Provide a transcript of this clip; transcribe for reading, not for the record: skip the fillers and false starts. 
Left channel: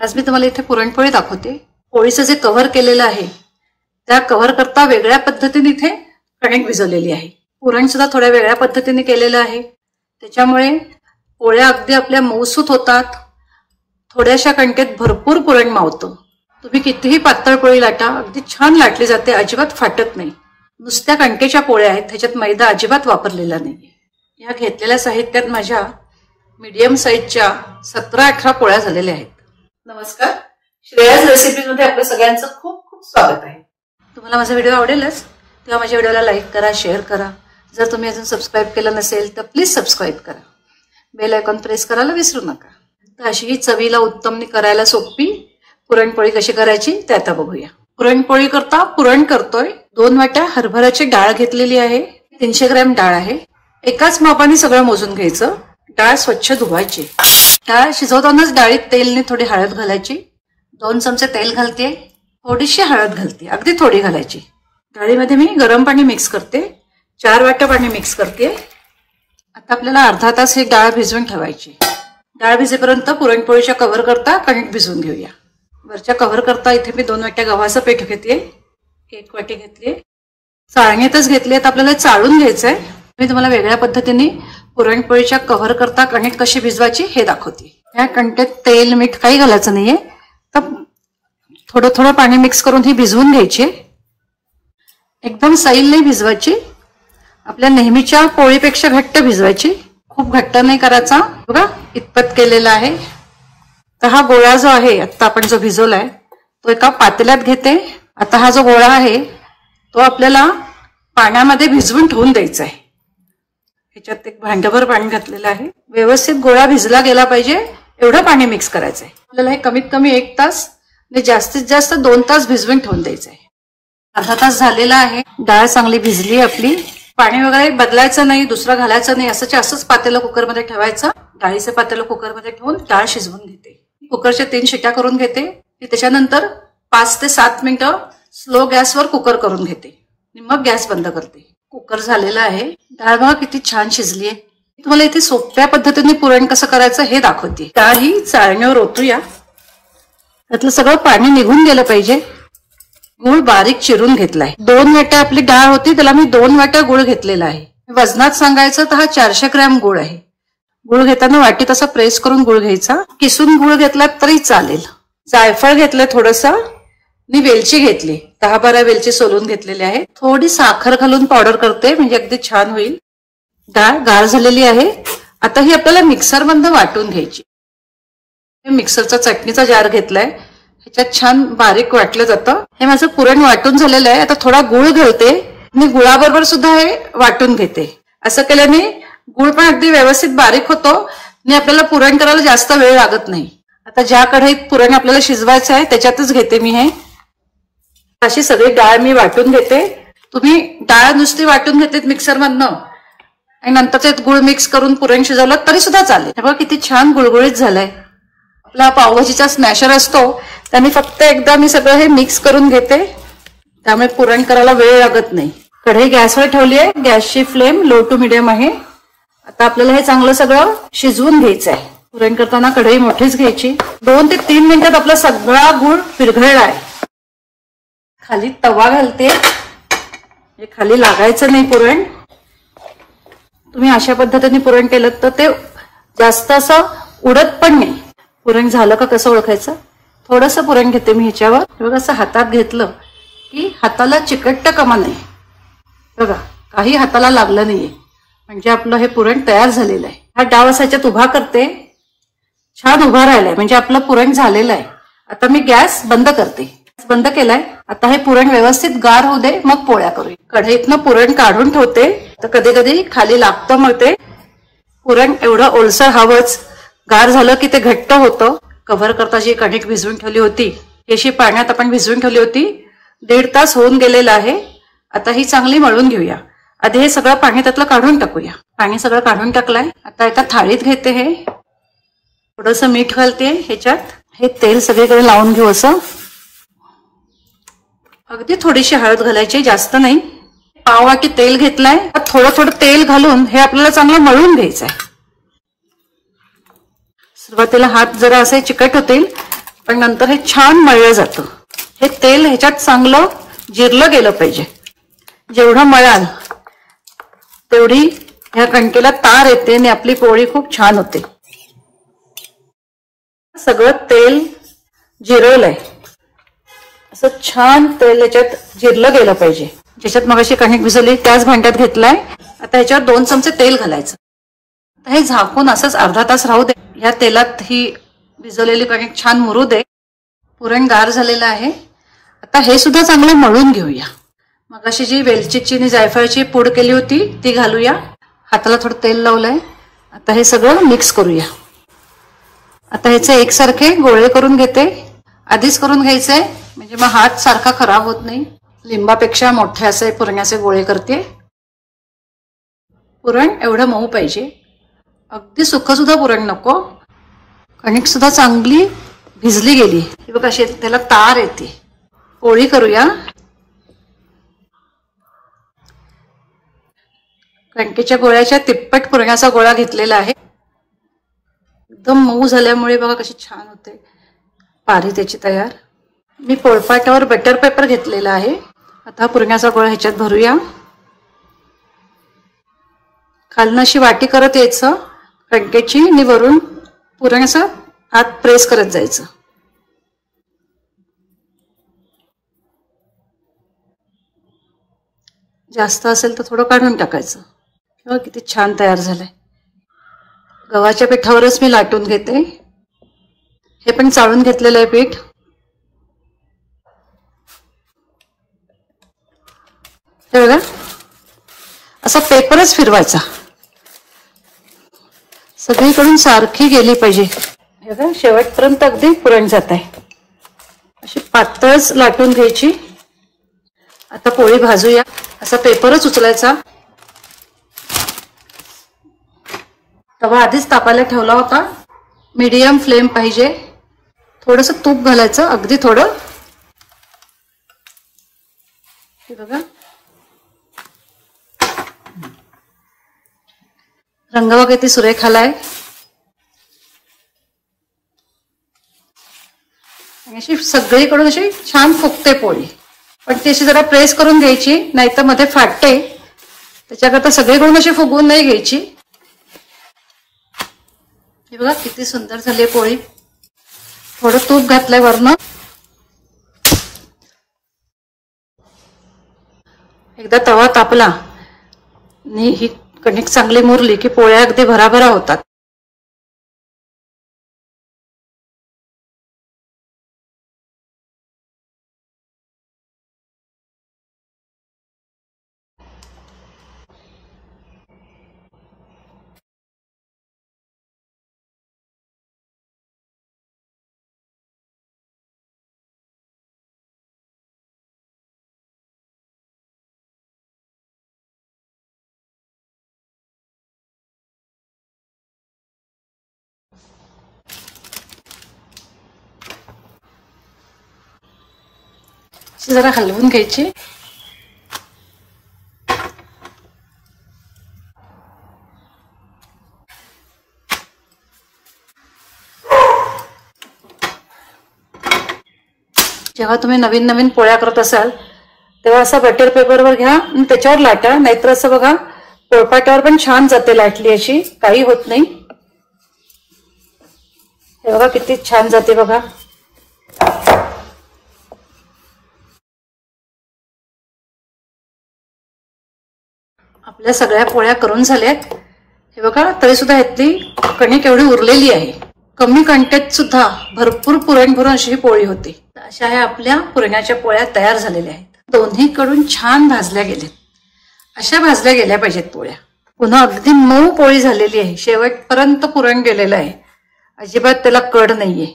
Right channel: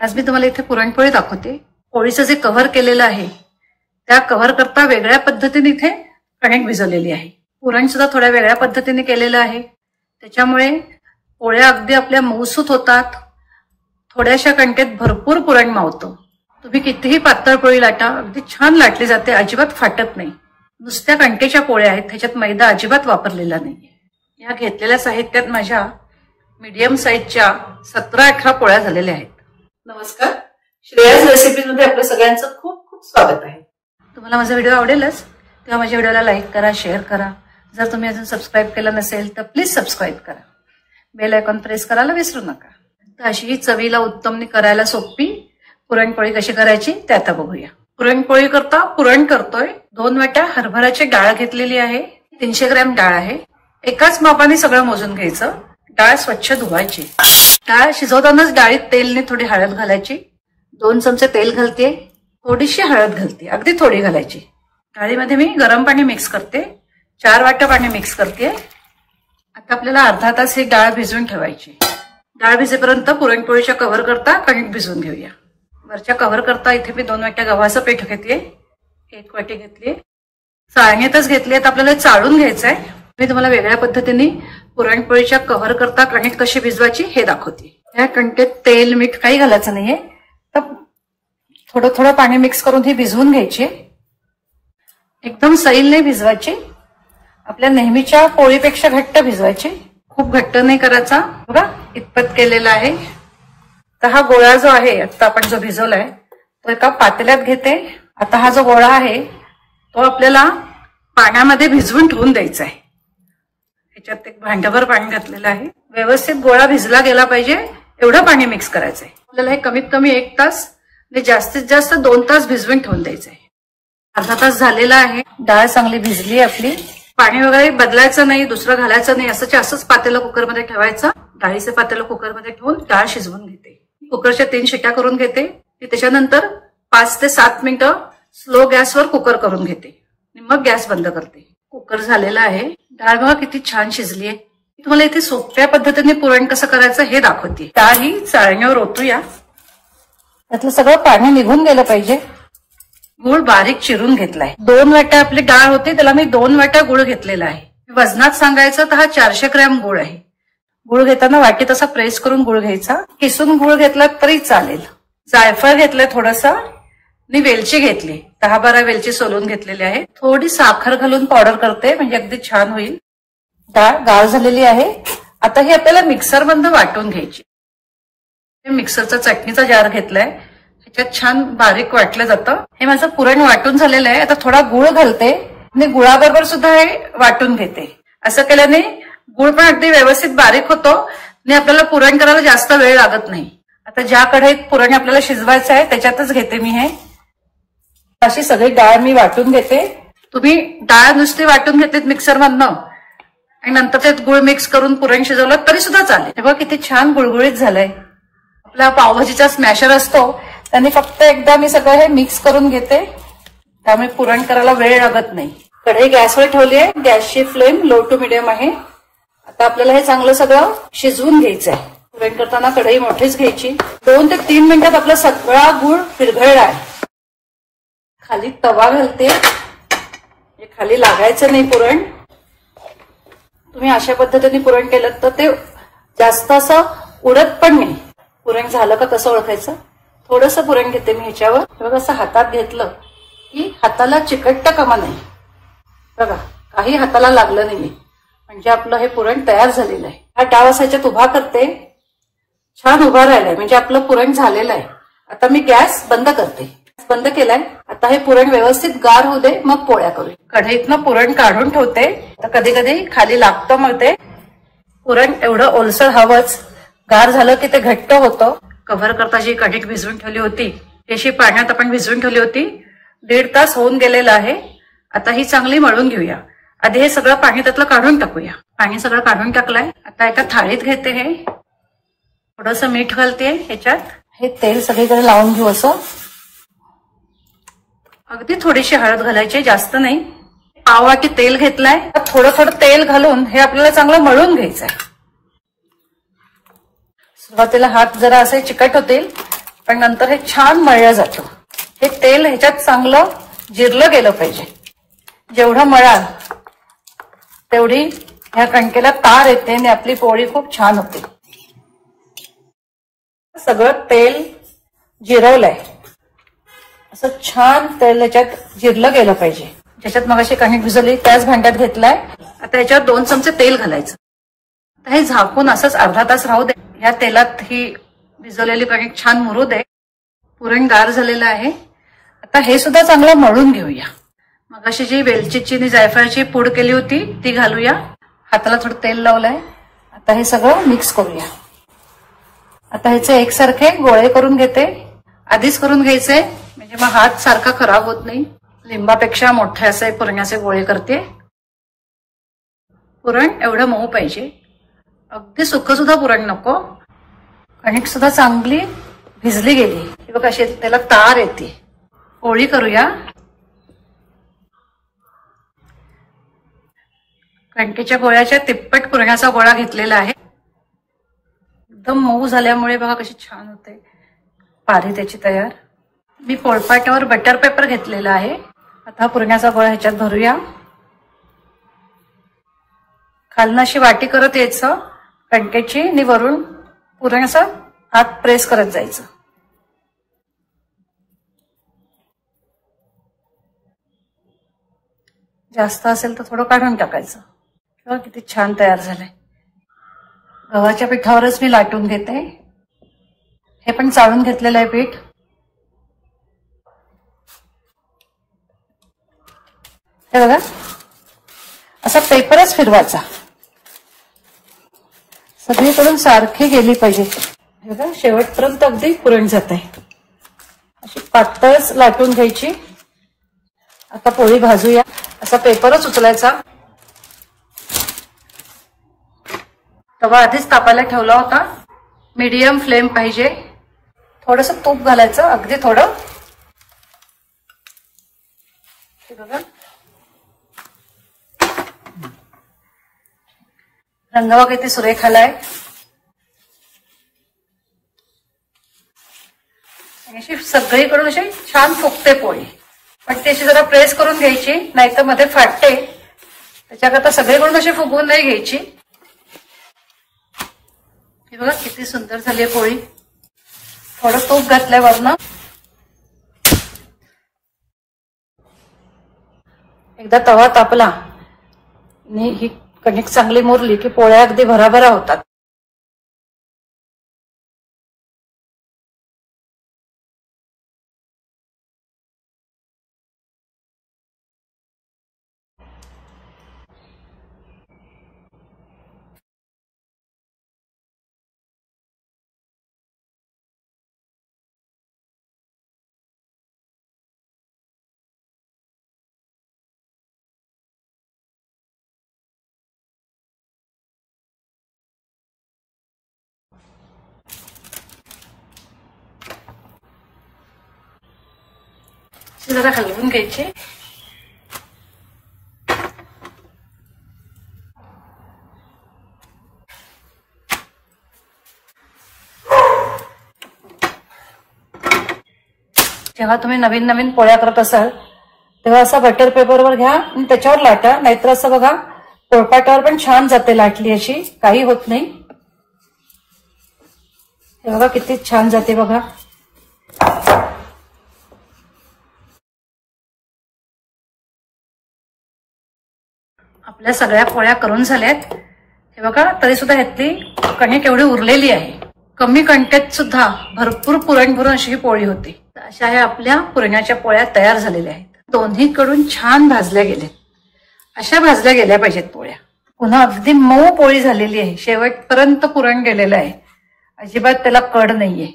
आज मी तुम्हाला इथे पुरणपोळी दाखवते। पोळीचं जे कव्हर केलेलं आहे त्या कव्हर करता वेगळ्या पद्धतीने इथे कणिक भिजवलेली आहे। पुरण सुद्धा थोड्या वेगळ्या पद्धतीने केलेलं आहे, त्याच्यामुळे पोळ्या अगदी आपल्या मऊसूत होतात। थोड्याशा कणकेत भरपूर पुरण मावतं। तुम्ही कितीही पातळ पोळी लाटा, अगदी छान लाटली जाते, अजिबात फाटत नाही। नुसत्या कणकेच्या पोळ्या आहेत, त्याच्यात मैदा अजिबात वापरलेला नाही। या घेतलेल्या साहित्यात माझ्या मीडियम साईजच्या 17-18 पोळ्या झालेल्या आहेत। नमस्कार, श्रेयाज रेसिपीज मध्ये आपल्या सगळ्यांचं खूप खूप स्वागत आहे। तुम्हाला माझा व्हिडिओ आवडेलच तेव्हा माझ्या व्हिडिओला लाईक करा, शेअर करा। जर तुम्ही अजून सबस्क्राईब केलं नसेल तर प्लीज सबस्क्राईब करा, बेल आयकॉन प्रेस करायला विसरू नका। तर अशी ही चवीला उत्तम करायला सोपी पुरणपोळी कशी करायची ते आता बघूया। पुरणपोळी करता पुरण करतोय। 2 वाट्या हरभऱ्याची डाळ घेतलेली आहे, 300 ग्रॅम डाळ आहे। एकाच मापाने सगळं मोजून घ्यायचं। डाळ स्वच्छ धुवायची। डाळ शिजवतानाच डाळीत तेलने थोडी हळद घालायची। 2 चमचे तेल घालते, थोडीशी हळद घालते, अगदी थोडी घालायची। डाळीमध्ये मी गरम पाणी मिक्स करते, 4 वाट्या पाणी मिक्स करते। आता आपल्याला अर्धा तास ही डाळ भिजवून ठेवायची। डाळ भिजेपर्यंत पुरणपोळीच्या कव्हर करता कणिक भिजवून घेऊया। वरच्या कव्हर करता इथे मी 2 वाट्या गव्हाचं पीठ घेतले, 1 वाटी घेतली। चाळणीतच घेतली, तर आपल्याला चाळून घ्यायचंय। मी तुम्हाला वेगळ्या पद्धतीने पुरणपोळीच्या कव्हर करता कणिक कशी भिजवायची हे दाखवते। या कणकेत तेल मीठ काही घालायचं नाहीये, तर थोडं थोडं पाणी मिक्स करून ही भिजवून घ्यायची। एकदम सैल नाही भिजवायची, आपल्या नेहमीच्या पोळीपेक्षा घट्ट भिजवायची, खूप घट्ट नाही करायचा। बघा इतपत केलेला आहे। तर हा गोळा जो आहे आता आपण जो भिजवलाय तो एका पातेल्यात घेते। आता हा जो गोळा आहे तो आपल्याला पाण्यामध्ये भिजवून ठेवून द्यायचा आहे। ह्याच्यात एक भांडभर पाणी घातलेलं आहे। व्यवस्थित गोळा भिजला गेला पाहिजे एवढं पाणी मिक्स करायचं आहे। आपल्याला हे कमीत कमी 1 तास आणि जास्तीत जास्त 2 तास भिजवून ठेवून द्यायचं आहे। अर्धा तास झालेला आहे, डाळ चांगली भिजली आपली। पाणी वगैरे बदलायचं नाही, दुसरं घालायचं नाही, असंच पातेलं कुकरमध्ये ठेवायचं। डाळीचं पातेलं कुकरमध्ये ठेवून डाळ शिजवून घेते। कुकरच्या 3 शिट्या करून घेते। त्याच्यानंतर 5 ते 7 मिनिटं स्लो गॅसवर कुकर करून घेते आणि मग गॅस बंद करते। कुकर झालेला आहे। डाळ बघा किती छान शिजली आहे। तुम्हाला इथे सोप्या पद्धतीने पुरण कसं करायचं हे दाखवते। डाळ ही चाळणीवर ओतूया, त्यातलं सगळं पाणी निघून गेलं पाहिजे। गुळ बारीक चिरून घेतलाय। 2 वाट्या आपली डाळ होती, त्याला मी 2 वाट्या गुळ घेतलेला आहे। वजनात सांगायचं तर हा 400 ग्रॅम गुळ आहे। गुळ घेताना वाटीत असा प्रेस करून गुळ घ्यायचा। किसून गुळ घेतला तरी चालेल। जायफळ घेतलं थोडंसं आणि वेलची घेतली, 10-12 वेलची सोलून घेतलेली आहे। थोडी साखर घालून पावडर करते म्हणजे अगदी छान होईल। डाळ गाळ झालेली आहे। आता ही आपल्याला मिक्सर मधून वाटून घ्यायची। मिक्सरचा चटणीचा जार घेतलाय, ह्याच्यात छान बारीक वाटलं जातं। हे माझं पुरण वाटून झालेलं आहे। आता थोडा गुळ घालते आणि गुळाबरोबर सुद्धा हे वाटून घेते। असं केल्याने गुळ पण अगदी व्यवस्थित बारीक होतो आणि आपल्याला पुरण करायला जास्त वेळ लागत नाही। आता ज्या कढईत पुरण आपल्याला शिजवायचं आहे त्याच्यातच घेते मी हे। अशी सगळी डाळ मी वाटून घेते। तुम्ही डाळ नुसती वाटून घेते मिक्सर मधनं आणि नंतर त्यात गुळ मिक्स करून पुरण शिजवलं तरी सुद्धा चालेल। हे बघा किती छान गुळगुळीत झालंय। आपला पावभाजीचा स्मॅशर असतो त्याने फक्त एकदा मी सगळं हे मिक्स करून घेते, त्यामुळे पुरण करायला वेळ लागत नाही। कढई गॅसवर ठेवली आहे, गॅसची फ्लेम लो टू मिडियम आहे। आता आपल्याला हे चांगलं सगळं शिजवून घ्यायचं आहे। पुरण करताना कढई मोठीच घ्यायची। 2 ते 3 मिनिटात आपला सगळा गुळ विरघळला आहे। खाली तवा घालते, हे खाली लागायचं नाही पुरण। तुम्ही अशा पद्धतीने पुरण केलं तर ते जास्त असं उडत पण नाही। पुरण झालं का कसं ओळखायचं? थोडंसं पुरण घेते मी ह्याच्यावर, बघा असं हातात घेतलं की हाताला चिकटतं कामा नाही। बघा काही हाताला लागलं नाहीये, म्हणजे आपलं हे पुरण तयार झालेलं आहे। हा डाव असा ह्याच्यात उभा करते, छान उभा राहिलाय म्हणजे आपलं पुरण झालेलं आहे। आता मी गॅस बंद करते। बंद केलाय। आता हे पुरण व्यवस्थित गार होऊ दे, मग पोळ्या करूया। कढईतनं पुरण काढून ठेवते, तर कधी कधी खाली लागतं मग ते पुरण एवढं ओलसर हवंच। गार झालं की ते घट्ट होतं। कव्हर करता जी कणिक भिजवून ठेवली होती अशी पाण्यात आपण भिजवून ठेवली होती, 1.5 तास होऊन गेलेला आहे। आता ही चांगली मळून घेऊया। आधी हे सगळं पाणी त्यातलं काढून टाकूया। पाणी सगळं काढून टाकलंय। आता एका थाळीत घेते, हे थोडंसं मीठ घालते ह्याच्यात। हे तेल सगळीकडे लावून घेऊ असं। अगदी थोडीशी हळद घालायची, जास्त नाही। पाव वाटी तेल घेतलाय, थोडं थोडं तेल घालून हे आपल्याला चांगलं मळून घ्यायचंय। सुरुवातीला हात जरा असे चिकट होतील, पण नंतर हे छान मळलं जातं. हे तेल ह्याच्यात चांगलं जिरलं गेलं पाहिजे. जेवढं मळाल तेवढी ह्या कणकेला तार येते आणि आपली पोळी खूप छान होते. सगळं तेल जिरवलंय, असं छान तेल ह्याच्यात जिरलं गेलं पाहिजे. ज्याच्यात मगाशी कणिक भिजवली त्याच भांड्यात घेतलाय. आता ह्याच्यात 2 चमचे तेल घालायचं. आता हे झाकून असंच अर्धा तास राहू दे. या तेलात ही भिजवलेली कणिक छान मुरू दे. पुरण गार झालेलं आहे. आता हे सुद्धा चांगलं मळून घेऊया. मगाशी जी वेलचीची आणि जायफळची पूड केली होती ती घालूया. हाताला थोडं तेल लावलंय. आता हे सगळं मिक्स करूया. आता ह्याचे एकसारखे गोळे करून घेते. आधीच करून घ्यायचंय म्हणजे मग हात सारखा खराब होत नाही. लिंबापेक्षा मोठे असे पुरणाचे गोळे करते. पुरण एवढं मऊ पाहिजे. अगदी सुख सुद्धा पुरण नको. कणिक सुद्धा चांगली भिजली गेली. हे बघ अशी त्याला तार येते. पोळी करूया. कणकेच्या गोळ्याच्या तिप्पट पुरणाचा गोळा घेतलेला आहे. एकदम मऊ झाल्यामुळे बघा कशी छान होते पारी त्याची तयार. मी पोळपाटावर बटर पेपर घेतलेला आहे. आता पुरणाचा गोळा ह्याच्यात भरूया. खालनं अशी वाटी करत यायचं कणकेची आणि वरून पुरण असं हात प्रेस करत जायचं. जास्त असेल तर थोडं काढून टाकायचं. किती छान तयार झालंय. गव्हाच्या पिठावरच मी लाटून घेते. हे पण चाळून घेतलेलं आहे पीठ. हे बघा असा पेपरच फिरवायचा. सगळीकडून सारखी गेली पाहिजे. हे बघा शेवटपर्यंत अगदी पुरण जात आहे. अशी पातळच लाटून घ्यायची. आता पोळी भाजूया. असा पेपरच उचलायचा. तवा आधीच तापायला ठेवला होता. मीडियम फ्लेम पाहिजे. थोडंसं तूप घालायचं, अगदी थोडं. हे बघा रंग बघा किती सुरेख आलाय. अशी सगळीकडून अशी छान फुगते पोळी. पण ती अशी जरा प्रेस करून घ्यायची, नाहीतर मध्ये फाटते. त्याच्याकरता सगळीकडून अशी फुगवून नाही घ्यायची. हे बघा किती सुंदर झाली आहे पोळी. थोडं तूप घातलंय वरनं. एकदा तवा तापला आणि ही कणिक चांगली मुरली की पोळ्या अगदी भराभरा होतात. जरा हलवून घ्यायची. जेव्हा तुम्ही नवीन नवीन पोळ्या करत असाल तेव्हा असं बटर पेपरवर घ्या आणि त्याच्यावर लाटा. नाहीतर असं बघा पोळपाटावर पण छान जाते लाटली अशी, काही होत नाही. हे बघा किती छान जाते बघा. आपल्या सगळ्या पोळ्या करून झाल्यात. हे बघा तरी सुद्धा ह्यातली कणिक एवढी उरलेली आहे. कमी कणकेत सुद्धा भरपूर पुरण भरून अशी ही पोळी होते. अशा ह्या आपल्या पुरणाच्या पोळ्या तयार झालेल्या आहेत. दोन्हीकडून छान भाजल्या गेल्यात. अशा भाजल्या गेल्या पाहिजेत पोळ्या. पुन्हा अगदी मऊ पोळी झालेली आहे. शेवटपर्यंत पुरण गेलेलं आहे. अजिबात त्याला कड नाहीये.